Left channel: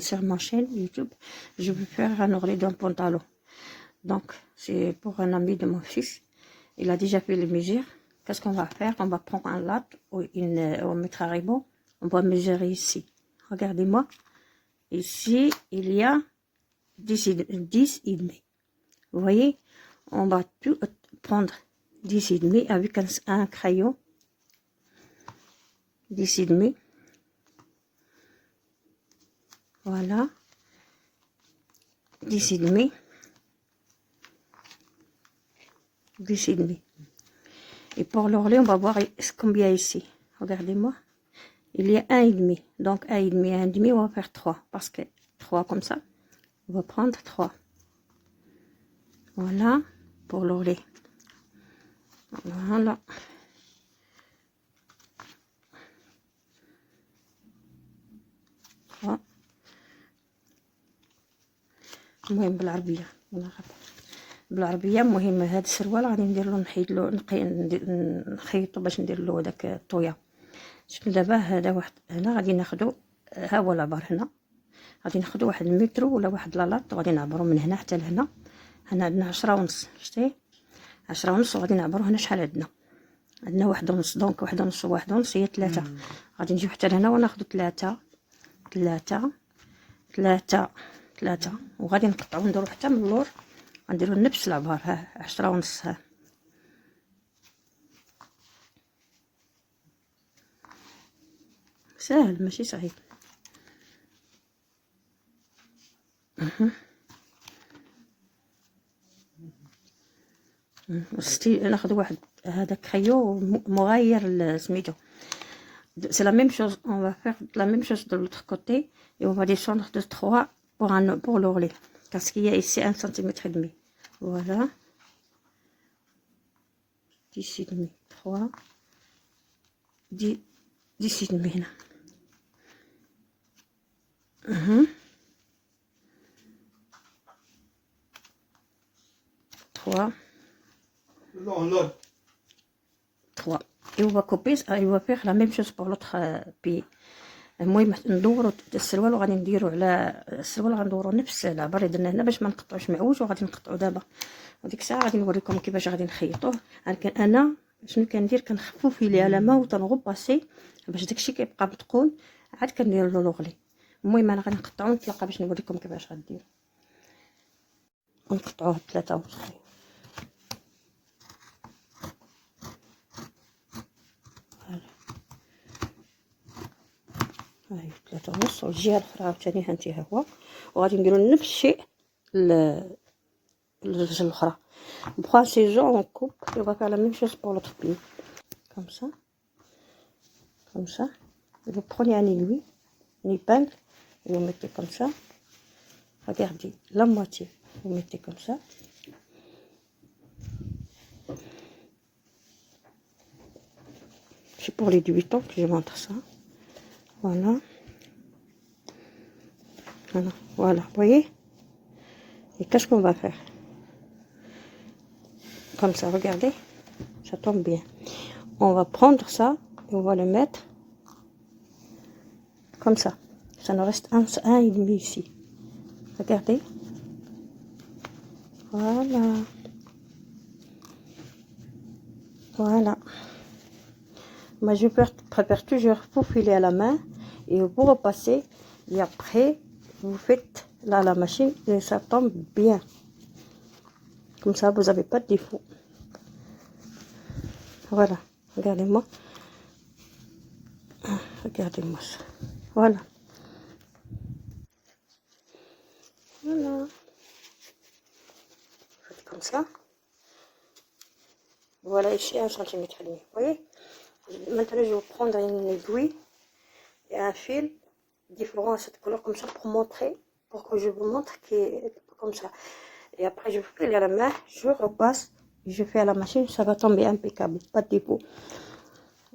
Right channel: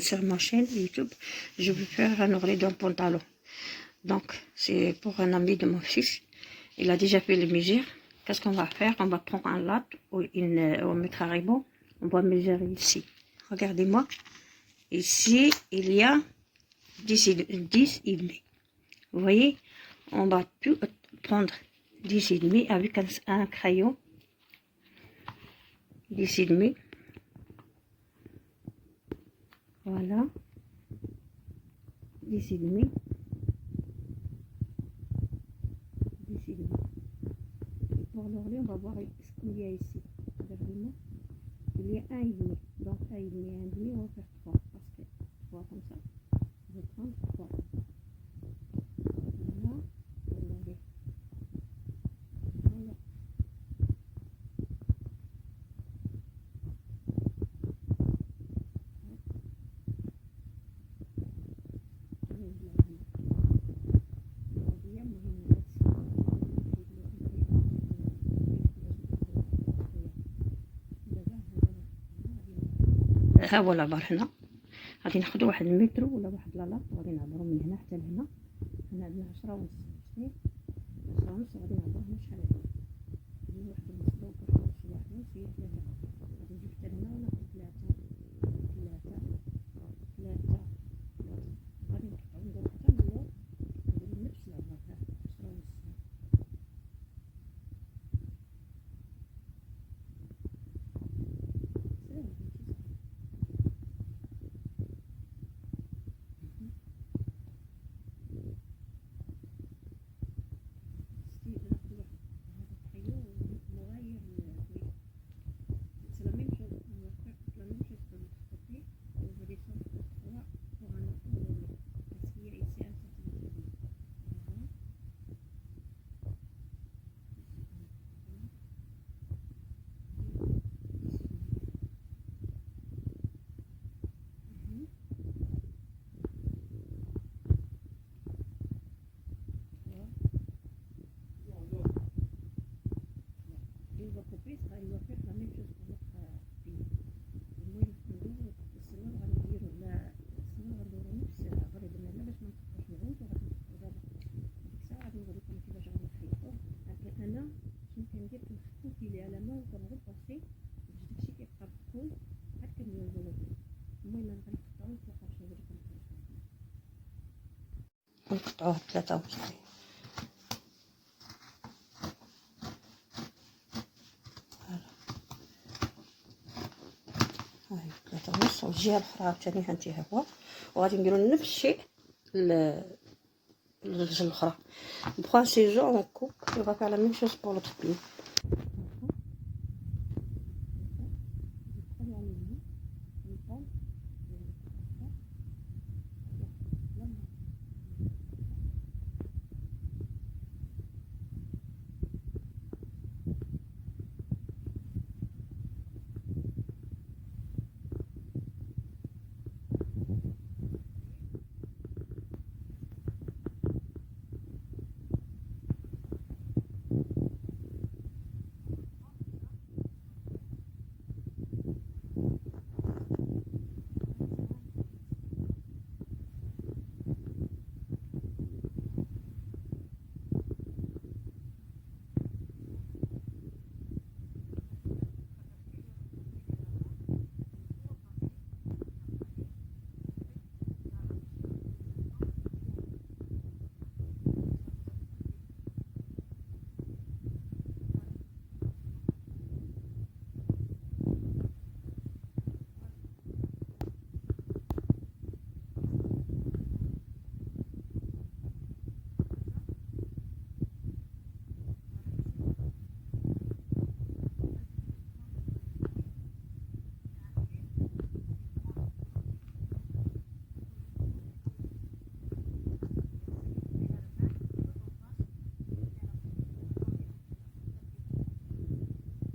sur ma chaîne YouTube, je vais faire un ourlet d'un pantalon. Donc, c'est pour un ami de mon fils. Il a déjà fait les mesures. Qu'est-ce qu'on va faire? On va prendre un latte ou on mettra un ruban. On va mesurer ici. Regardez-moi. Ici, il y a 10 et demi. Vous voyez? On va tout prendre 10 et demi avec un crayon. 10 et demi. Voilà. 10 et demi. 10 et demi. Et pour l'ourlet, on va voir combien ici. Regardez-moi. Il y a 1,5. Donc 1,5 et 1,5, on va faire 3. Parce que 3 comme ça. On va prendre 3. Voilà. Pour l'ourlet. Voilà. المهم بالعربيه المهم هذا السروال غادي ندير له نحيد له نخيطو باش ندير له داك الطويه. شوف دابا هذا واحد هنا غادي ناخذو، ها هو العبر هنا غادي ناخذو واحد المترو ولا واحد لالاط وغادي نعبرو من هنا حتى لهنا. هنا عندنا 10 ونص، شتي 10 ونص، وغادي نعبرو هنا شحال عندنا 1 ونص. دونك 1 ونص و1 ونص هي 3. غادي نجيو حتى لهنا وناخذو 3 3 3 3 وغادي نقطعو نديرو حتى من اللور، غنديرو نفس العبار. ها 10 ونص. ها ساهل ماشي صعيب. ناخذ واحد هذا كريو مغاير سميتو. C'est la même chose, on va faire la même chose de l'autre côté et on va descendre de 3 pour l'ourlet parce qu'il y a ici 1 cm et demi. Voilà, 10 et demi, 3 10 et demi هنا. 3 3 et on va couper et on va faire la même chose pour l'autre pied. المهم ندورو السروال وغادي نديرو على السروال، غندورو نفس العبر اللي درنا هنا باش ما نقطعوش معوج، وغادي نقطعو دابا وديك الساعه غادي نوريكم كيفاش غادي نخيطوه. انا شنو كندير؟ كنخفو فيلي على ما وتنغباسي باش داكشي كيبقى متقون، عاد كندير له لوغلي. المهم انا غادي نقطعو ونتلاقى باش نوريكم كيفاش غندير. نقطعوه 3 ونص. هاي 3 ونص، والجهه الاخرى عاوتاني هانتي ها هو، وغادي نديرو نفس الشيء الجهه الاخرى. بخوا سي جون اون كوب et on va faire la même chose pour l'autre pied comme ça et vous prenez un aiguille, une épingle et vous mettez comme ça. Regardez la moitié, vous mettez comme ça. C'est pour les débutants que je montre ça. Voilà. Voilà, vous voyez? Et qu'est-ce qu'on va faire? Comme ça, regardez, ça tombe bien. On va prendre ça et on va le mettre comme ça. Ça nous reste un et demi ici. Regardez. Voilà. Voilà. Moi, je préfère toujours faufiler à la main et vous repassez. Et après, vous faites là la machine et ça tombe bien. Comme ça, vous n'avez pas de défaut. Voilà. Regardez-moi. Regardez-moi ça. Voilà. Voilà. Comme ça. Voilà ici 1 cm. Vous voyez? Maintenant, je vais prendre une aiguille et un fil différent à cette couleur comme ça pour montrer, pour que je vous montre qui est comme ça. Et après, je file à la main, je repasse, je fais à la machine, ça va tomber impeccable, pas de défaut.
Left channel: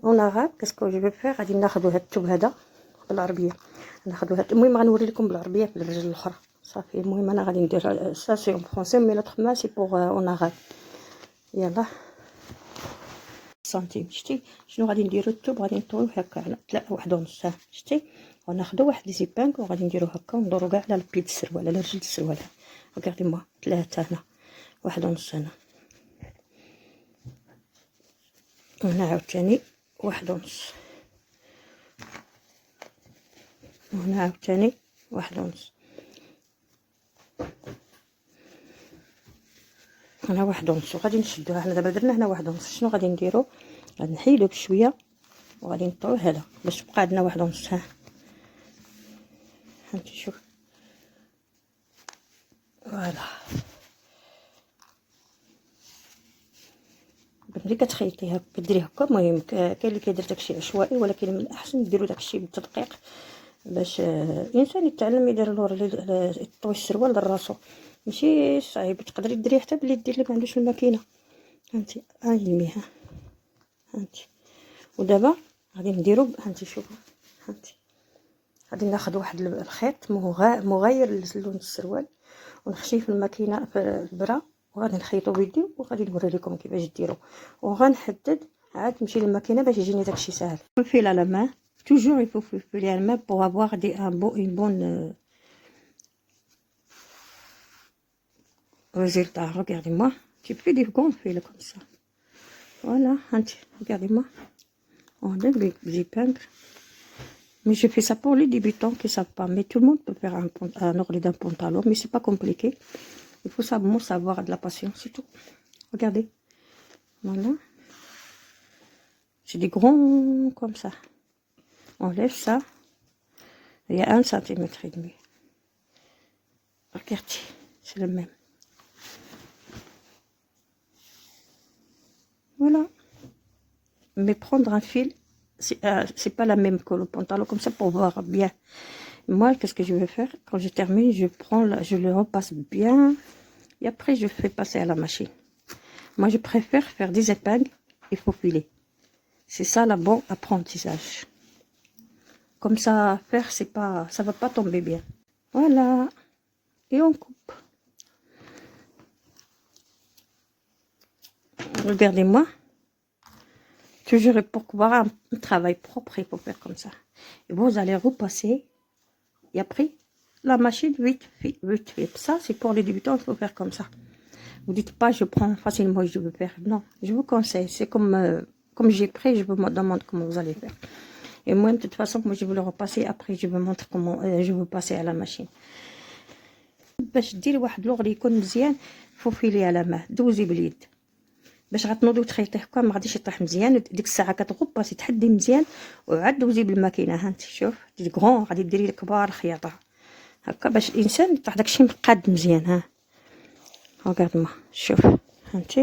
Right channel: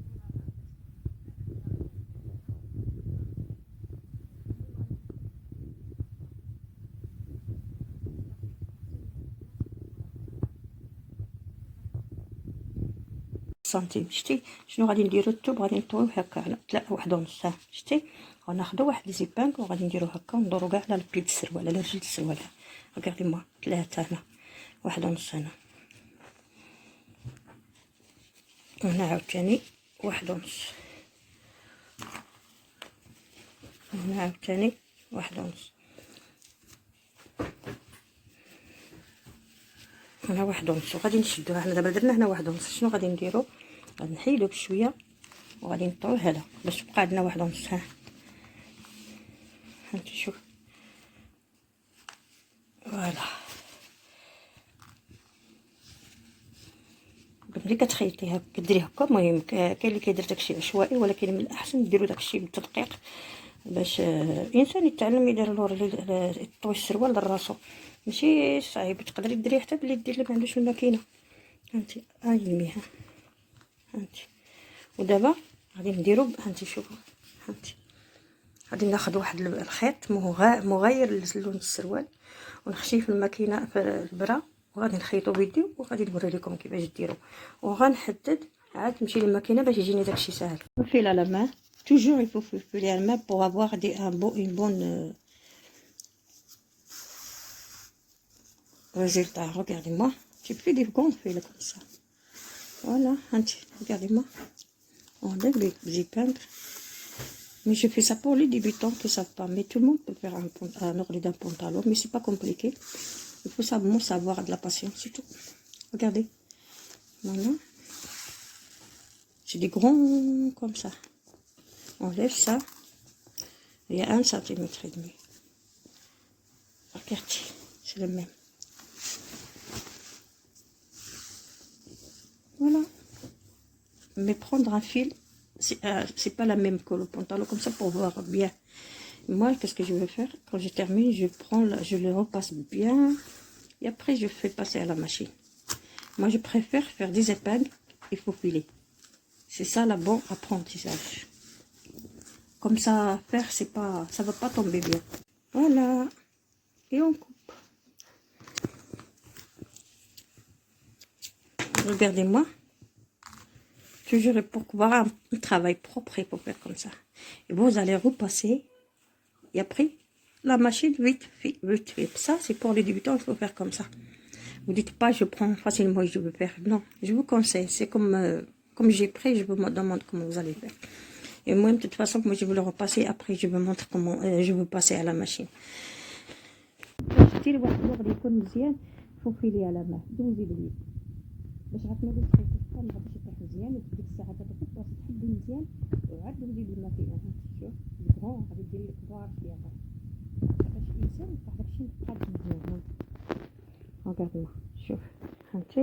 En arabe, qu'est-ce que je vais faire? غادي ناخذوا هاد الثوب هذا بالعربيه، ناخذوا هاد. المهم غنوري لكم بالعربيه في الرجل الاخرى صافي. المهم انا غادي ندير سا سي اون فرونسي مي لوطخ ما سي بوغ اون arabe. يلا سنتيم. شتي شنو غادي نديرو؟ الثوب غادي نطويوه هكا على 1 ونص. شتي غناخدو واحد لي زيبانك وغادي نديرو هكا وندورو كاع على البيد السروال على رجل السروال. ريغاردي موا 3 هنا، 1.5 هنا، وهنا عاوتاني 1.5، هنا عاوتاني 1.5، هنا 1.5. وغادي نشدوها. حنا دابا درنا هنا 1.5. شنو غادي نديرو؟ غادي نحيدو بشويه وغادي نطوي هذا باش تبقى عندنا 1.5. ها انت شوف، فوالا. ملي كتخيطيها كديري هكا. المهم كاين اللي كيدير داكشي عشوائي، ولكن من الاحسن ديروا داكشي بالتدقيق باش الانسان يتعلم يدير يطوي السروال لراسو. ماشي صعيب، تقدري ديريه حتى باليد اللي ما عندوش الماكينه. هانتي علميها. هانتي ودابا غادي نديرو. هانتي شوفوا، هانتي غادي ناخذ واحد الخيط مغاير للون السروال ونخشيه في الماكينه في البرا، وغادي نخيطو بيدي وغادي نوري لكم كيفاش ديرو. وغنحدد عاد نمشي للماكينه باش يجيني داكشي ساهل. نفيل على ما toujours il faut filer à la main pour avoir une bonne résultat. Regardez-moi, j'ai pris des gants fils comme ça. Voilà, regardez-moi. On enlève les épingles. Mais je fais ça pour les débutants qui ne savent pas. Mais tout le monde peut faire un orlet d'un pantalon, mais c'est pas compliqué. Il faut simplement savoir de la patience, c'est tout. Regardez. Voilà. C'est des grands comme ça. On lève ça. Il y a 1,5 cm. Regardez, c'est le même. Voilà. Mais prendre un fil, c'est pas la même que le pantalon, comme ça pour voir bien. Moi, qu'est-ce que je vais faire? Quand je termine, je le repasse bien. Et après, je fais passer à la machine. Moi, je préfère faire des épingles et faufiler. C'est ça la bonne apprentissage. Comme ça, faire, c'est pas, ça va pas tomber bien. Voilà. Et on coupe. Regardez-moi. Toujours pour avoir un travail propre, il faut faire comme ça. Et vous allez repasser. Et après, la machine, vite, vite, vite, vite. Ça, c'est pour les débutants, il faut faire comme ça. Vous dites pas, je prends facilement et je veux faire. Non, je vous conseille. C'est comme j'ai pris, je vous demande comment vous allez faire. Et moi, de toute façon, moi, je vais le repasser. Après, je vous montre comment je veux passer à la machine. باش ديري واحد لوغلي يكون مزيان، فوفيلي على ماء، دوزي باليد باش غتنوضي وتخيطيه هكا ما غاديش يطيح مزيان. ديك الساعه كتغباسي تحدي مزيان وعاد دوزي بالماكينه. ها انت شوف، دي كغون غادي ديري كبار الخياطه هكا باش الانسان يطيح داكشي مقاد مزيان. ها ريغارد ما شوف، ها انت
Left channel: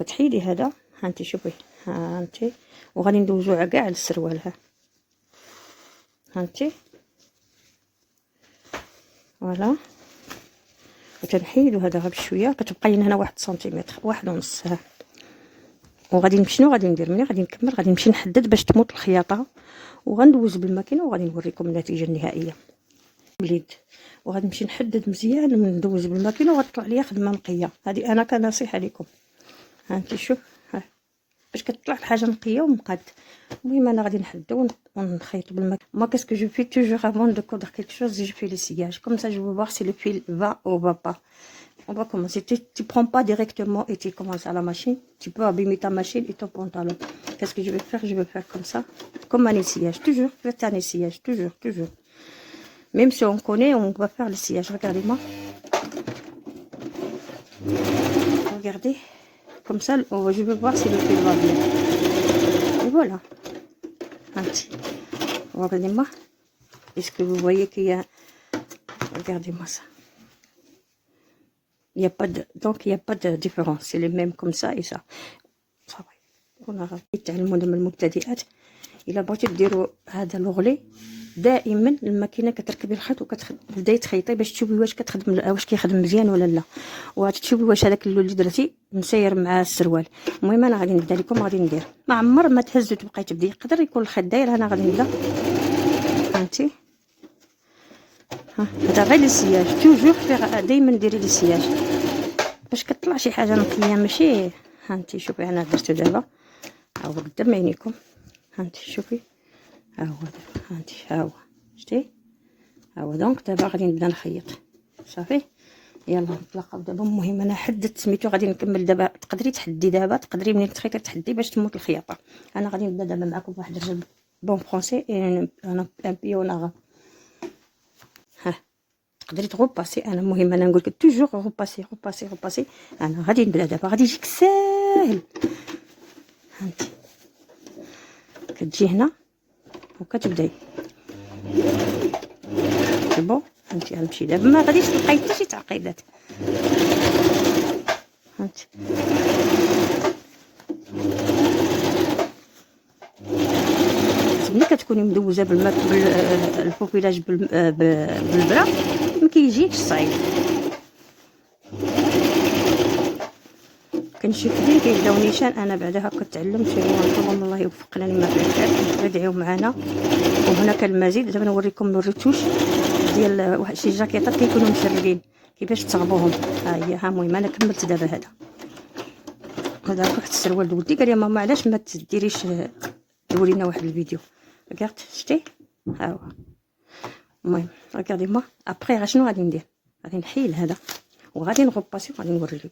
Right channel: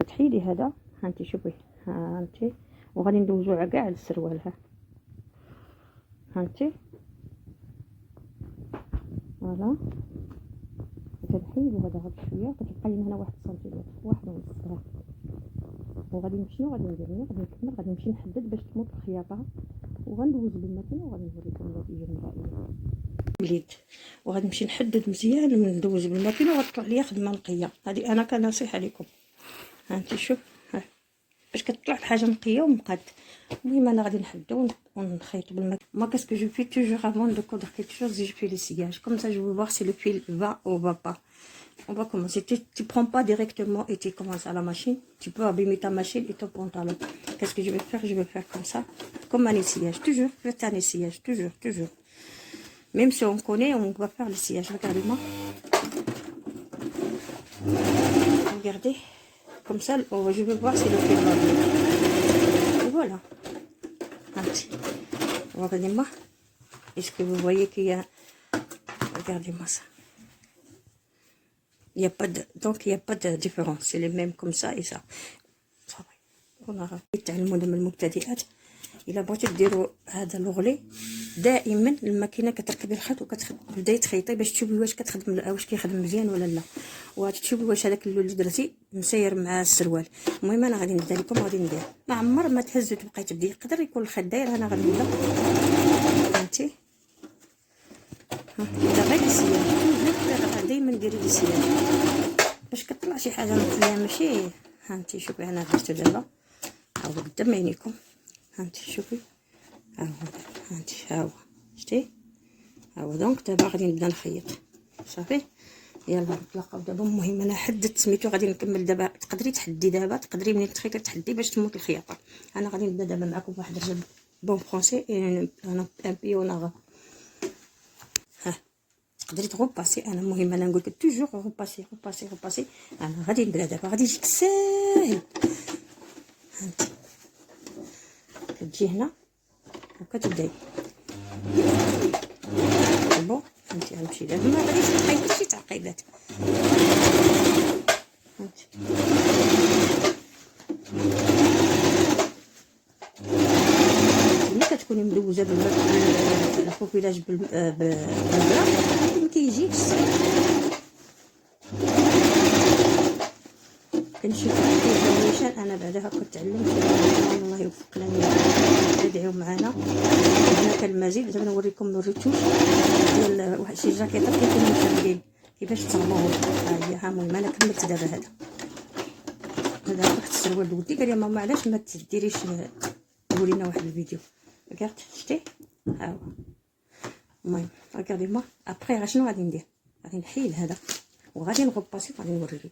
كتحيدي هذا. ها انت شوفي، ها انت وغادي ندوزو كاع السروال. ها انت فوالا. وتنحيدو هذا غير بشويه، كتبقى لنا هنا 1 سنتيمتر، 1.5. ها وغادي نمشي شنو غادي ندير ملي غادي نكمل؟ غادي نمشي نحدد باش تموت الخياطه وغندوز بالماكينه وغادي نوريكم النتيجه النهائيه باليد. وغادي نمشي نحدد مزيان وندوز بالماكينه وغتطلع ليا خدمه نقيه. هذه انا كنصيحه لكم. ها انت شوف، ها باش كتطلع الحاجه نقيه ومقاد. المهم انا غادي نحدو ونخيطو بالماكينه. moi qu'est-ce que je fais toujours avant de coudre quelque chose, je fais le sillage comme ça, je veux voir si le fil va ou va pas. On va commencer. Tu prends pas directement et tu commences à la machine. Tu peux abîmer ta machine et ton pantalon. Qu'est-ce que je vais faire? Je vais faire comme ça, comme un essayage. Toujours, faites un essayage, toujours, toujours. Même si on connaît, on va faire l'essayage. Regardez-moi. Regardez. Comme ça, je vais voir si le fil va bien. Et voilà. Regardez-moi. Est-ce que vous voyez qu'il y a... Regardez-moi ça. Il n'y a pas de... Donc, il n'y a pas de différence. C'est les mêmes comme ça et ça. Ça va. On a تعلموا من المبتدئات. إلا بغيتي ديروا هذا لوغلي دائما الماكينه كتركبي الخيط وكتبداي تخيطي باش تشوفي واش كتخدم، واش كيخدم مزيان ولا لا، وتشوفي واش هذاك اللون اللي درتي مسير مع السروال. المهم انا غادي نبدا لكم، غادي ندير ما عمر ما تهزو تبقاي تبدي. يقدر يكون الخيط داير. انا غادي نبدا. فهمتي؟ هذا غير السياج. توجور دائما ديري السياج باش كطلع شي حاجه نقيه ماشي. ها انت شوفي انا درتو دابا، ها هو قدام عينيكم. ها انت شوفي، ها هو هانتي، ها هو شتي، ها هو. دونك دابا غادي نبدا نخيط صافي. يلا نتلاقاو دابا. المهم انا حددت سميتو، غادي نكمل دابا. تقدري تحدي دابا، تقدري منين تخيطي تحدي باش تموت الخياطه. انا غادي نبدا دابا معكم بواحد الرسم بون فرونسي. انا ان بيوناغ. ها تقدري تغوباسي. انا المهم انا نقول لك توجور غوباسي غوباسي غوباسي. انا غادي نبدا دابا، غادي يجيك ساهل. هانتي كتجي هنا وكتبداي بون. هانتي غنمشي دابا، ما غاديش تلقاي حتى شي تعقيدات. هانتي ملي كتكوني مدوزه بالماء الفوفيلاج بالبرا ما كيجيكش صعيب. كنشوف فين كيبداو نيشان. انا بعدا هكا تعلمت. الله يوفقنا لما تدعيو معنا. هنا كان المزيد. دابا نوريكم الريتوش ديال واحد شي جاكيطات كيكونوا مشربين كيفاش تصاوبوهم. ها هي. ها المهم انا كملت دابا هذا واحد السروال. ولدي قال لي ماما علاش ما تديريش تورينا واحد الفيديو. ركعت شتي، ها هو. المهم ركعدي ما ابري شنو غادي ندير، غادي نحيل هذا وغادي نغوباسي وغادي نوري لكم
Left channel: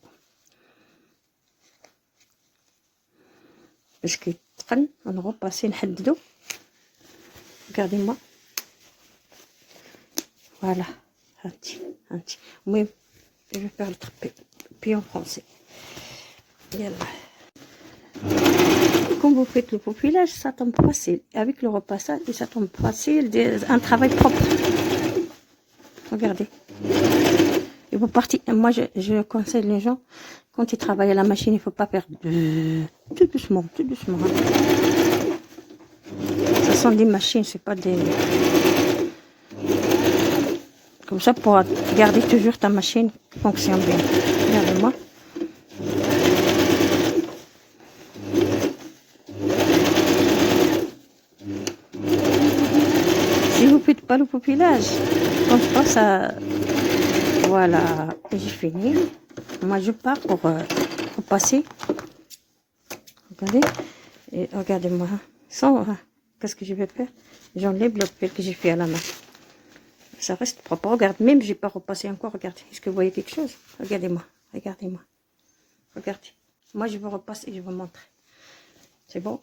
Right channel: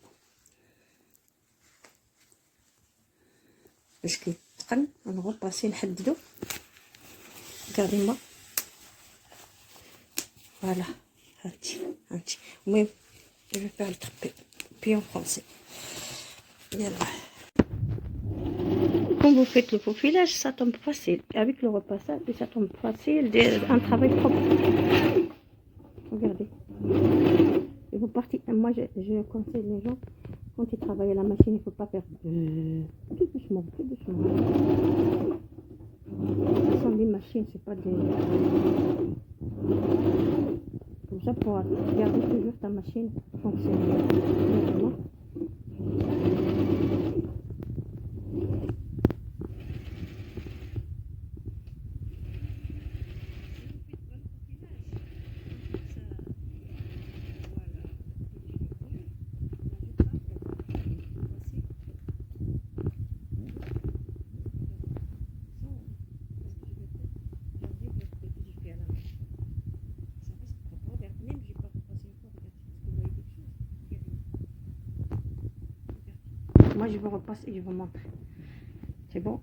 باش كيتقن. نغوباسي نحددو. ركعدي ما فوالا. هانتي هانتي. المهم جو بار بيون فرونسي. يلا. Quand vous faites le faufilage, ça tombe facile. Avec le repassage, ça tombe facile. Un travail propre. Regardez. Et vous partez. Moi, je conseille les gens, quand ils travaillent à la machine, il ne faut pas faire tout doucement, tout doucement. Ce sont des machines, c'est pas des. Comme ça, pour garder toujours ta machine fonctionne bien. Regardez-moi. Si vous ne faites pas le faufilage, je pense pas ça. Voilà, j'ai fini. Moi, je pars pour passer. Regardez. Et regardez-moi. Sans. Qu'est-ce que je vais faire? J'enlève le fil que j'ai fait à la main. Ça reste propre. Regarde, même j'ai pas repassé encore. Regardez. Est-ce que vous voyez quelque chose? Regardez-moi. Regardez-moi. Regardez. Moi, je vous repasse et je vous montre. C'est bon.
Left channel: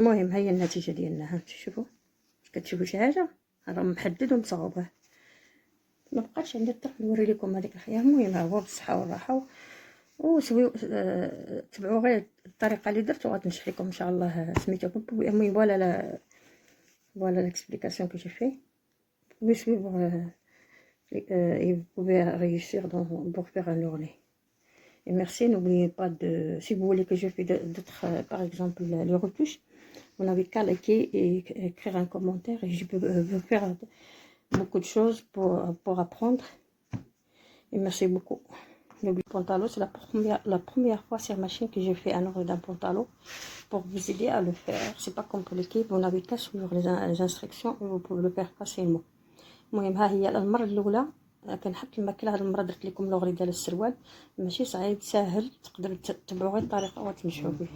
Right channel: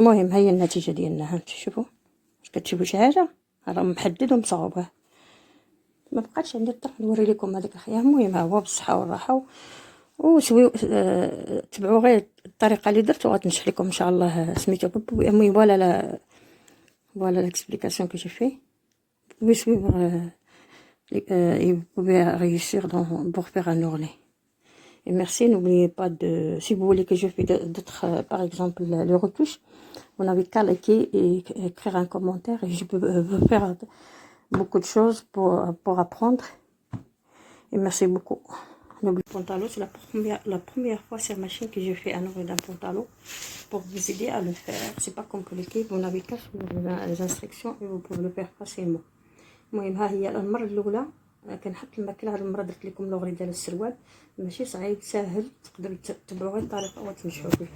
المهم هي النتيجة ديالنا. ها شوفوا واش كتشوفوا شي حاجة. راه محدد ومصاوبه. ما بقاتش عندي الطرف نوري لكم هذيك الخيار. المهم ها هو بالصحة والراحة. وسويو تبعوا غير الطريقة اللي درت وغتنشح لكم ان شاء الله. سميتو المهم voilà l'explication que j'ai fait. Vous pouvez suivre et vous pouvez réussir pour faire un ourlet. Et merci, n'oubliez pas de, si vous voulez que je fasse d'autres, par exemple le retouche, vous n'avez qu'à liker et écrire un commentaire et je peux faire beaucoup de choses pour apprendre. Et merci beaucoup. Le pantalon, c'est la première fois sur ma chaîne que je fais un ourlet d'un pantalon pour vous aider à le faire. C'est pas compliqué, vous n'avez qu'à suivre les instructions et vous pouvez le faire facilement. المهم ها هي المره الاولى كنحط الماكله. هاد المره درت لكم لوغري ديال السروال. ماشي صعيب، ساهل، تقدروا تتبعوا غير الطريقه وتمشوا به.